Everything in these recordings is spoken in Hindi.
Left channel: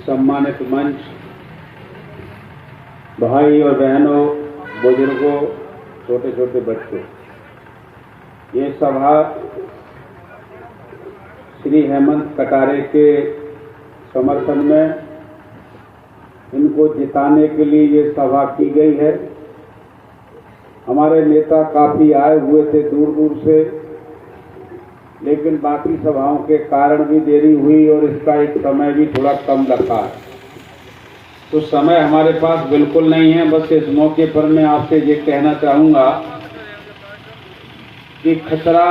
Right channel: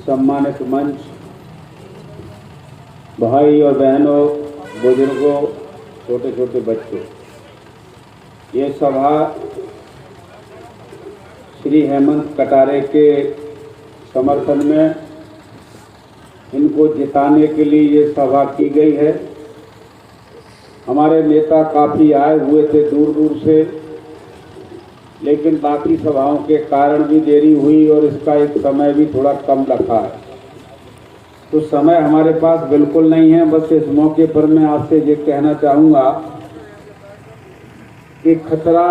सम्मानित मंच, भाई और बहनों, बुजुर्गों, छोटे छोटे बच्चों, ये सभा श्री हेमंत कटारे के समर्थन में, इनको जिताने के लिए ये सभा की गई है। हमारे नेता काफ़ी आए हुए थे दूर दूर से, लेकिन बाकी सभाओं के कारण भी देरी हुई और इसका एक समय भी थोड़ा कम रखा है। तो समय हमारे पास बिल्कुल नहीं है। बस इस मौके पर मैं आपसे ये कहना चाहूँगा कि खतरा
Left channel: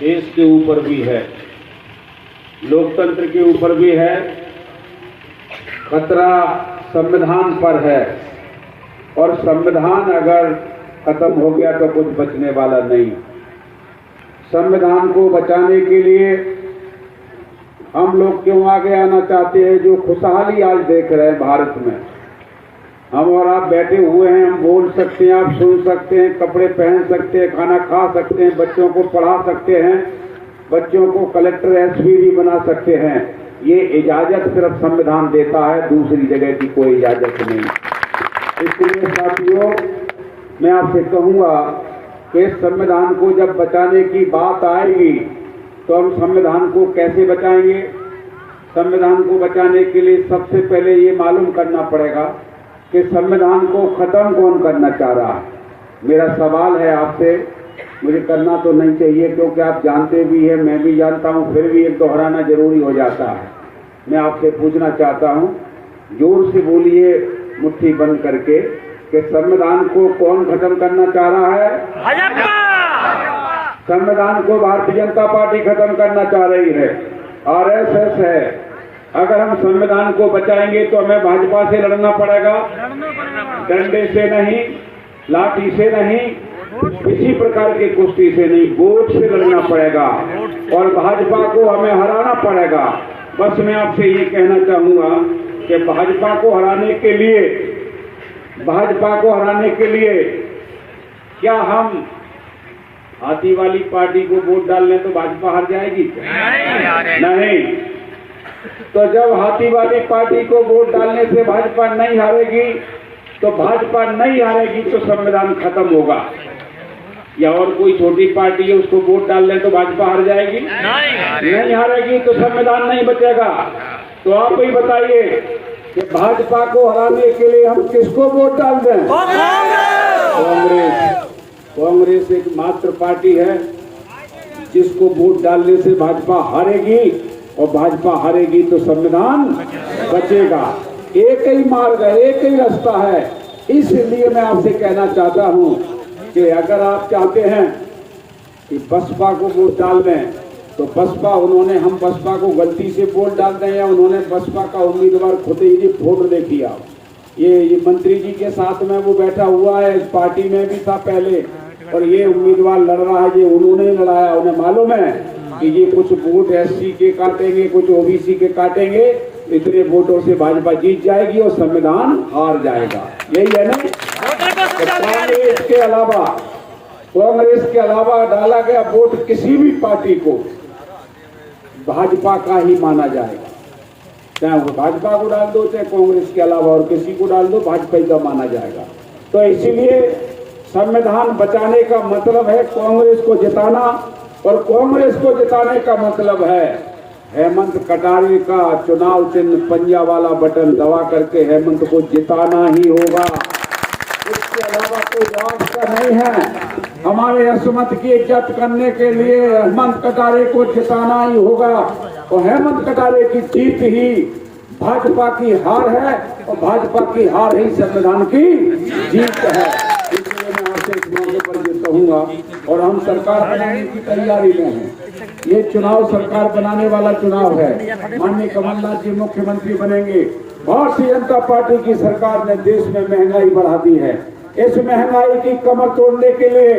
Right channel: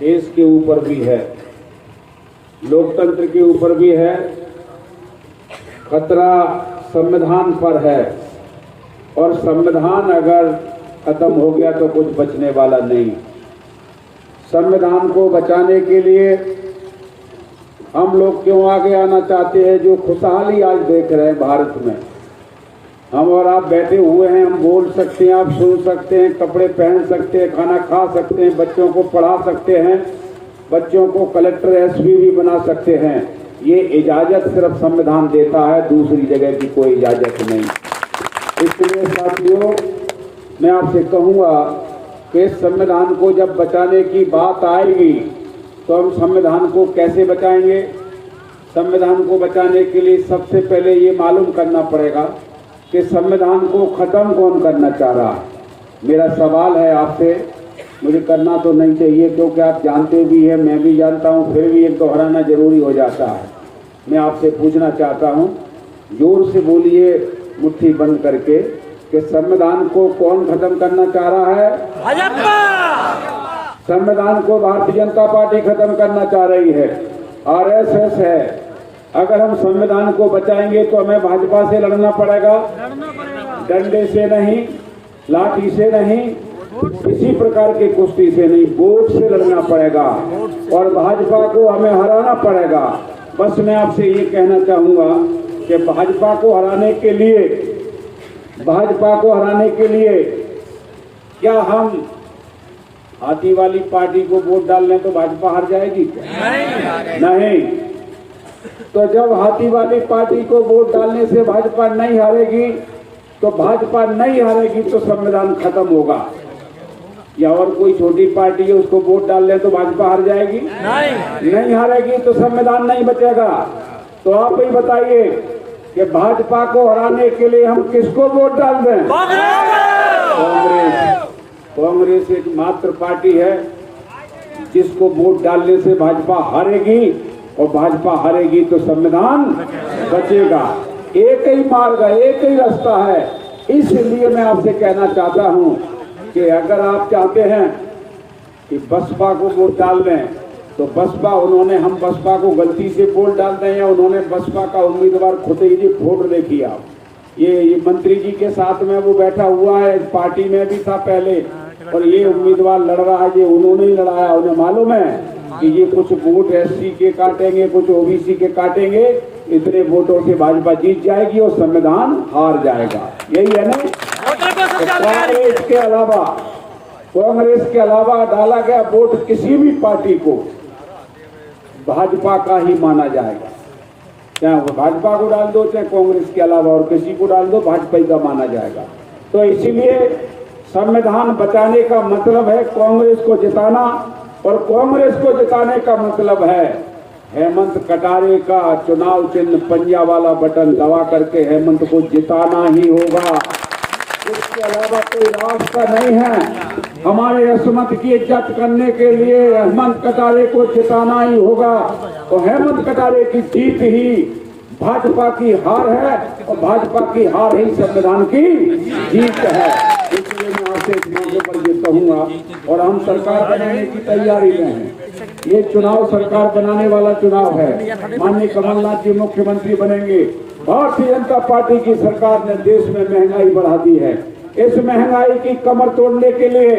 देश के ऊपर भी है, लोकतंत्र के ऊपर भी है, खतरा संविधान पर है, और संविधान अगर खत्म हो गया तो कुछ बचने वाला नहीं। संविधान को बचाने के लिए हम लोग क्यों आगे आना चाहते हैं? जो खुशहाली आज देख रहे हैं भारत में, हम और आप बैठे हुए हैं, हम बोल सकते हैं, आप सुन सकते हैं, कपड़े पहन सकते हैं, खाना खा सकते हैं, बच्चों को पढ़ा सकते हैं, बच्चों को कलेक्टर एसपी भी बना सकते हैं। ये इजाज़त सिर्फ संविधान देता है, दूसरी जगह की कोई इजाज़त नहीं। इसलिए साथियों, मैं आपसे कहूँगा कि संविधान को जब बचाने की बात आएगी तो हम संविधान को कैसे बचाएंगे? संविधान को बचाने के लिए सबसे पहले ये मालूम करना पड़ेगा कि संविधान को ख़त्म कौन करना चाह रहा है। मेरा सवाल है आपसे, मुझे करना तो नहीं चाहिए क्योंकि आप जानते भी हैं, मैं भी जानता हूँ, फिर भी एक दोहराना जरूरी हो जाता है। मैं आपसे पूछना चाहता हूँ, जोर से बोलिए मुट्ठी बंद करके, कि संविधान को कौन खत्म करना चाह रहा है? संविधान को भारतीय जनता पार्टी खत्म करना चाह रही है, आरएसएस है। अगर हम संविधान को बचाएंगे तो हमें भाजपा से लड़ना पड़ेगा, डंडे से नहीं, लाठी से नहीं, किसी प्रकार की कुश्ती से नहीं, वोट से लड़ना पड़ेगा और भाजपा को हमें हराना पड़ेगा। बस मैं आपसे ये कहना चाहूँगा कि भाजपा को हराने के लिए क्या हम हाथी वाली पार्टी को वोट डाल लें तो भाजपा हार जाएगी? नहीं। तो जब हाथी वाली पार्टी को वोट डालने से भाजपा नहीं हारेगी तो संविधान खत्म होगा। या और कोई छोटी पार्टी है, उसको वोट डाल लें तो भाजपा हार जाएगी? नहीं हारेगी तो संविधान नहीं बचेगा। तो आप ही बताइए कि भाजपा को हराने के लिए हम किसको वोट डाल दें? कांग्रेस एक मात्र पार्टी है जिसको वोट डालने से भाजपा हारेगी, और भाजपा हारेगी तो संविधान बचेगा। एक ही मार्ग है, एक ही रास्ता है। इसलिए मैं आपसे कहना चाहता हूं कि अगर आप चाहते हैं कि बसपा को वोट डाल दें तो हम बसपा को गलती से वोट डाल दें, या उन्होंने बसपा का उम्मीदवार खुद ही फोटो देखी आप, ये मंत्री जी के साथ में वो बैठा हुआ है, इस पार्टी में भी था पहले, और ये उम्मीदवार लड़ रहा है, ये उन्होंने लड़ाया। उन्हें मालूम है कि ये कुछ वोट एससी के काटेंगे, कुछ ओबीसी के काटेंगे, इतने वोटों से भाजपा जीत जाएगी और संविधान हार जाएगा। यही है ना? कांग्रेस के अलावा डाला गया वोट किसी भी पार्टी को भाजपा का ही माना जाएगा। चाहे भाजपा को डाल दो, चाहे कांग्रेस के अलावा और किसी को डाल दो, भाजपा का माना जाएगा। तो इसीलिए संविधान बचाने का मतलब है कांग्रेस को जिताना, और कांग्रेस को जिताने का मतलब है हेमंत कटारे का चुनाव चिन्ह पंजा वाला बटन दबा करके हेमंत को जिताना ही होगा। इसके अलावा कोई रास्ता नहीं है। हमारे अस्मत की इज्जत करने के लिए हेमंत कटारे को जिताना ही होगा, और हेमंत कटारे की जीत ही भाजपा की हार है, और भाजपा की हार ही संविधान की जीत है। इसलिए मैं आपसे इस मौके पर ये कहूँगा, और हम सरकार बनाने की तैयारी में हैं। ये चुनाव सरकार बनाने वाला चुनाव है। माननीय कमलनाथ जी मुख्यमंत्री बनेंगे। भारतीय जनता पार्टी की सरकार ने देश में महंगाई बढ़ा दी है। इस महंगाई की कमर तोड़ने के लिए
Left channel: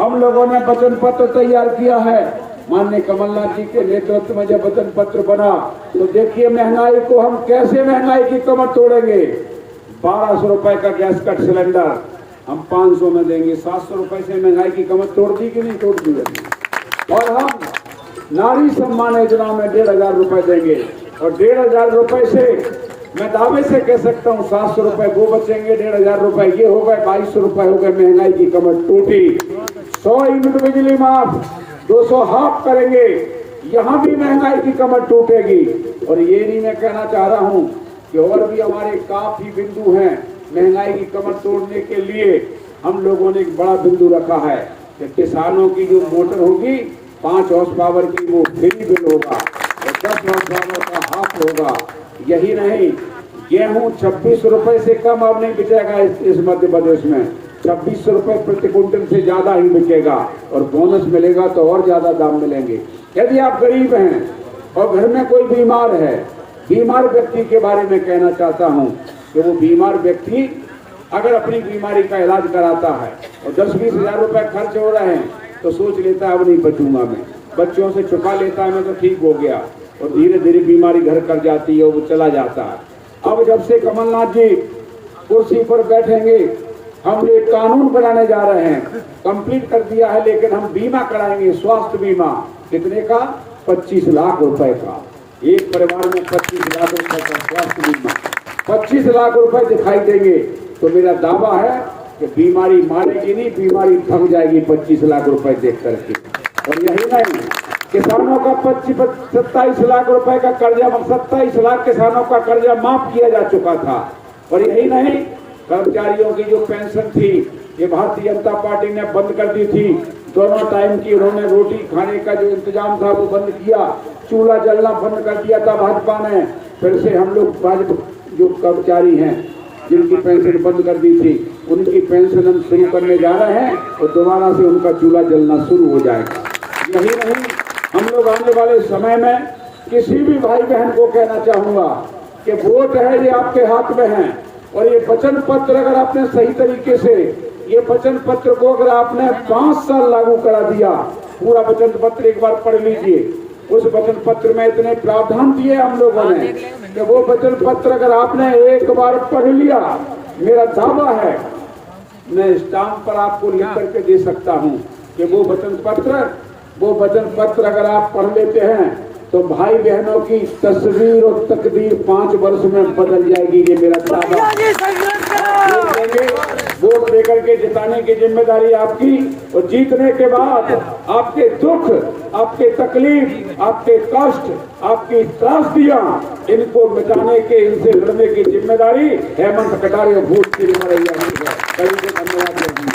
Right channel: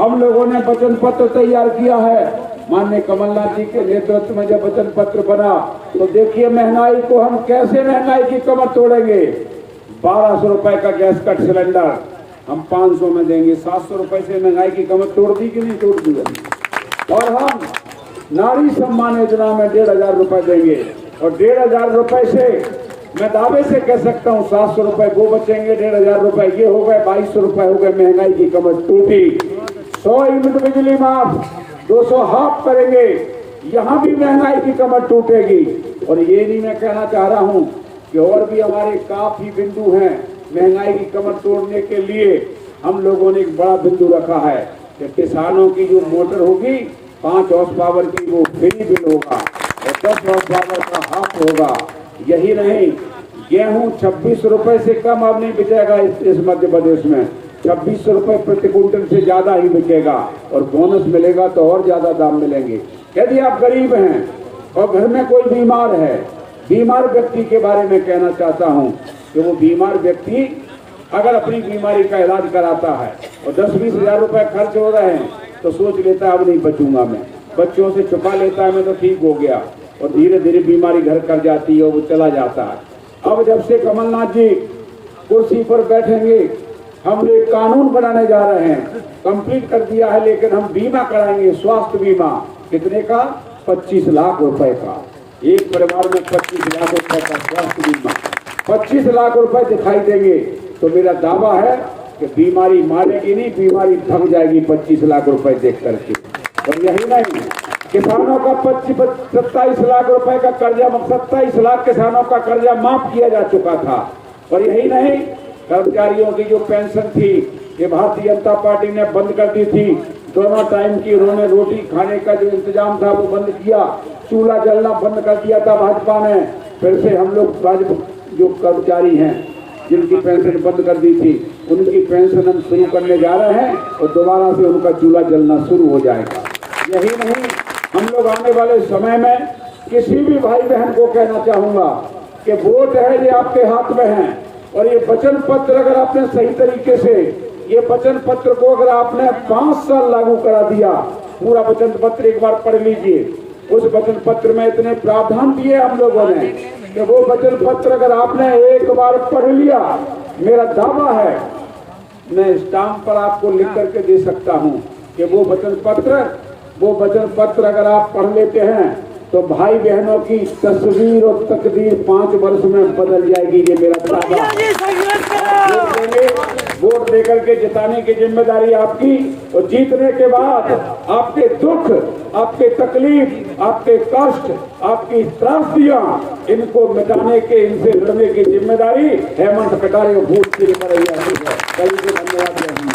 हम लोगों ने वचन पत्र तैयार किया है। माननीय कमलनाथ जी के नेतृत्व में जब वचन पत्र बना तो देखिए महंगाई को हम कैसे महंगाई की कमर तोड़ेंगे। 1200 रुपए का गैस कट सिलेंडर हम 500 में देंगे। 700 रुपए से महंगाई की कमर तोड़ दी कि नहीं तोड़ दी? और हम नारी सम्मान योजना में 1500 रुपए देंगे। और 1,500 रुपए से मैं दावे से कह सकता हूँ 700 रुपए वो बचेंगे, 1,500 रुपए ये हो गए, 2200 रुपए हो गए। महंगाई की कमर टूटी। 100 यूनिट बिजली माफ, 200 हाफ करेंगे, यहाँ भी महंगाई की कमर टूटेगी। और ये नहीं मैं कहना चाह रहा हूँ कि और भी हमारे काफी बिंदु हैं महंगाई की कमर तोड़ने के लिए। हम लोगों ने एक बड़ा बिंदु रखा है कि किसानों की जो मोटर होगी 5 हॉर्स पावर की वो फ्री बिल होगा और 10 हॉर्स पावर का हाफ होगा। यही नहीं, गेहूं 26 रुपए से कम अब नहीं बिकेगा इस मध्य प्रदेश में। 2600 रुपए प्रति क्विंटल से ज्यादा ही बिकेगा और बोनस मिलेगा तो और ज्यादा दाम मिलेंगे। यदि आप गरीब हैं और घर में कोई बीमार है, बीमार व्यक्ति के बारे में कहना चाहता हूं कि वो बीमार व्यक्ति अगर अपनी बीमारी का इलाज कराता है और 10-20 हजार रुपए खर्च हो रहे हैं तो सोच लेता है अब नहीं बचूंगा मैं, बच्चों से छुपा लेता है मैं तो ठीक हो गया, और धीरे धीरे बीमारी घर कर जाती है और वो चला जाता है। अब जब से कमलनाथ जी कुर्सी पर बैठेंगे, हम एक कानून बनाने जा रहे हैं, कंप्लीट कर दिया है, लेकिन हम बीमा कराएंगे, स्वास्थ्य बीमा। कितने का? 25 लाख रुपए का। एक परिवार में 25 लाख रुपए का स्वास्थ्य बीमा, 25 लाख रुपए दिखाई देंगे तो मेरा दावा है कि बीमारी मारेगी नहीं, बीमारी थक जाएगी 25 लाख रुपए देख करके। और यही नहीं, किसानों का 27 लाख रुपए का कर्जा, 27 लाख किसानों का कर्जा माफ किया जा चुका था। और यही नहीं, कर्मचारियों की जो पेंशन थी ये भारतीय जनता पार्टी ने बंद कर दी थी। दोनों टाइम की उन्होंने रोटी खाने का जो इंतजाम था वो बंद किया, चूल्हा जलना बंद कर दिया था भाजपा ने। फिर से हम लोग जो कर्मचारी हैं जिनकी पेंशन बंद कर दी थी उनकी पेंशन हम शुरू करने जा रहे हैं और दोबारा से उनका चूल्हा जलना शुरू हो जाएगा। यही नहीं, हम लोग आने वाले समय में किसी भी भाई बहन को कहना चाहूंगा कि वोट है ये आपके हाथ में है, और ये वचन पत्र अगर आपने सही तरीके से ये वचन पत्र को अगर आपने 5 साल लागू करा दिया, पूरा वचन पत्र एक बार पढ़ लीजिए। उस वचन पत्र में इतने प्रावधान दिए हम लोगों ने कि वो वचन पत्र अगर आपने एक बार पढ़ लिया, मेरा दावा है मैं स्टाम्प पर आपको लिख करके दे सकता हूं कि वो वचन पत्र अगर आप पढ़ लेते हैं तो भाई बहनों की तस्वीर और तकदीर 5 वर्ष में बदल जाएगी। ये मेरा दावा। वोट देकर के जिताने की जिम्मेदारी आपकी, और जीतने के बाद आपके दुख, आपके तकलीफ, आपके कष्ट, आपकी त्रासदियां, इनको मिटाने के, इनसे लड़ने की जिम्मेदारी हेमंत कटारे और भूत की जिम्मेदारी है। धन्यवाद।